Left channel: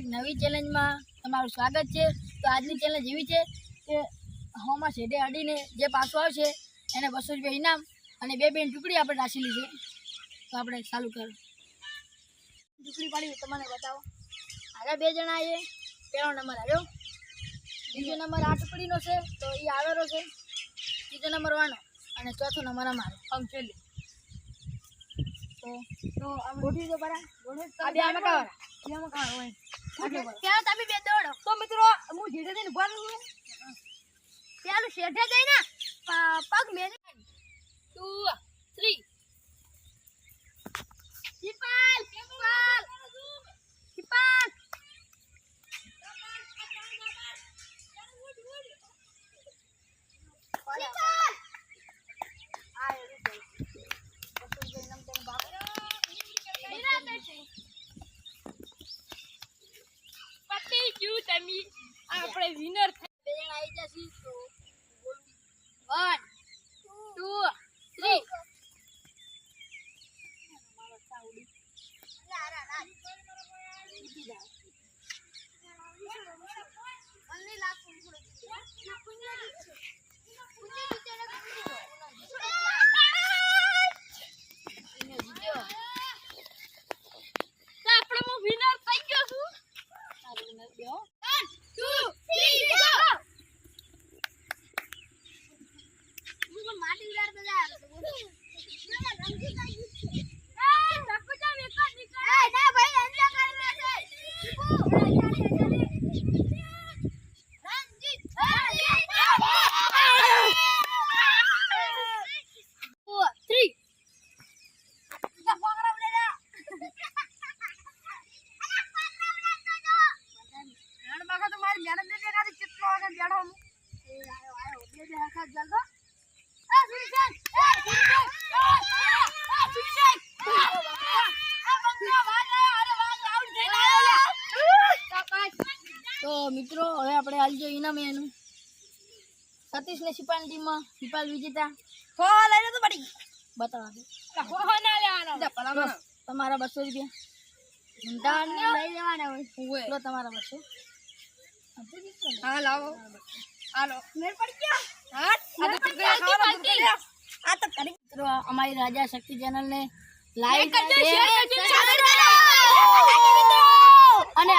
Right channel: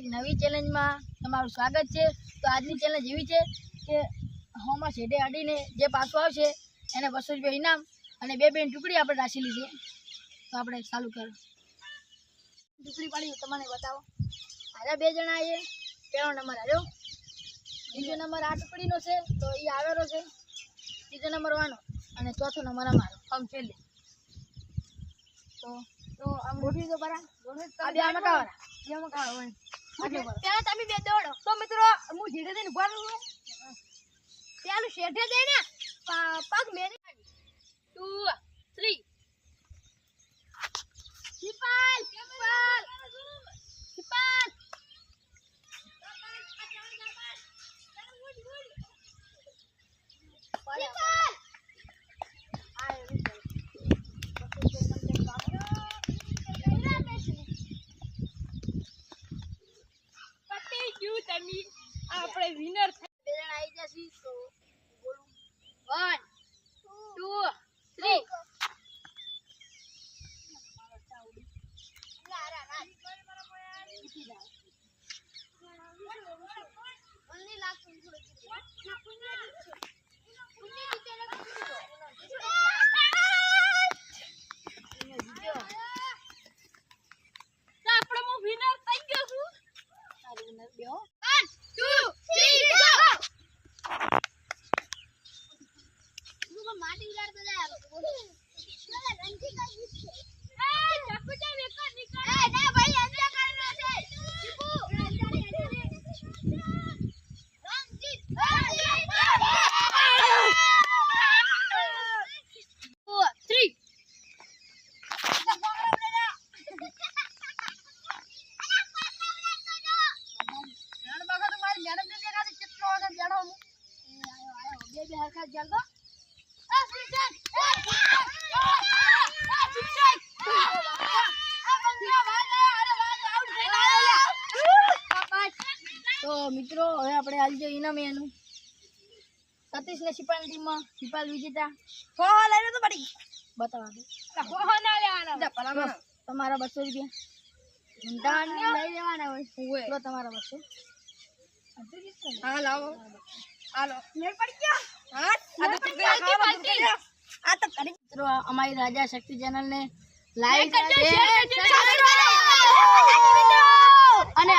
એક નવી ચેલેન્જમાં તમારું સ્વાગત છે। તો આજની ચેલેન્જ એવી છે કે હોમાં છેડે અડીને જે પાછું આવશે એને 200 રૂપિયા ઇનામ અને 2 બેન ટુકડી આપણે રાખેલી છે। તો આપણે ચાલુ કરો। ટુકડી પાડી તમને બતાવો। આરે 2 જણા છે। પહેલો નંબર આવ્યો, બીજો નંબર આ ટુકડીનો છે તો એ આવેલો છે, ત્રીજો નંબર વાનો અને ચોથો નંબર અમારો આમ છેલ્લે। તો આ ગોઠવી દો બરા આ બે આમાં કાવા એમાં કાવા હોય ત્યાં તમે બે દોડો। તો મિત્રો હું ધીરે ધીરે ઉભા રહું પેલું શેઠે જઈને પગ મેરી 2 3 શિપાલ શિપાલ શિપાલ આપણે વિનર બે જણ આવી જશે તો બોલું 1 2 3 તો મિત્રો હવે આપણે આલી જો ઇનામ એનું સતીશ ને સિપાલ ટીમમાં સિપાલ વિજેતા હો લઈને તો પડી બતાવા દે હો ના લેવાના તમારા 200 રૂપિયા ઊંડા લઈ લેવાના હોય લો તમારા 200 હા લાવો હાલો મેર પડી ગયા હા આ તો આ તો કરી મિત્રો અમારી રાજા શક્તિ ચેનલ ને લાઈક શેર અને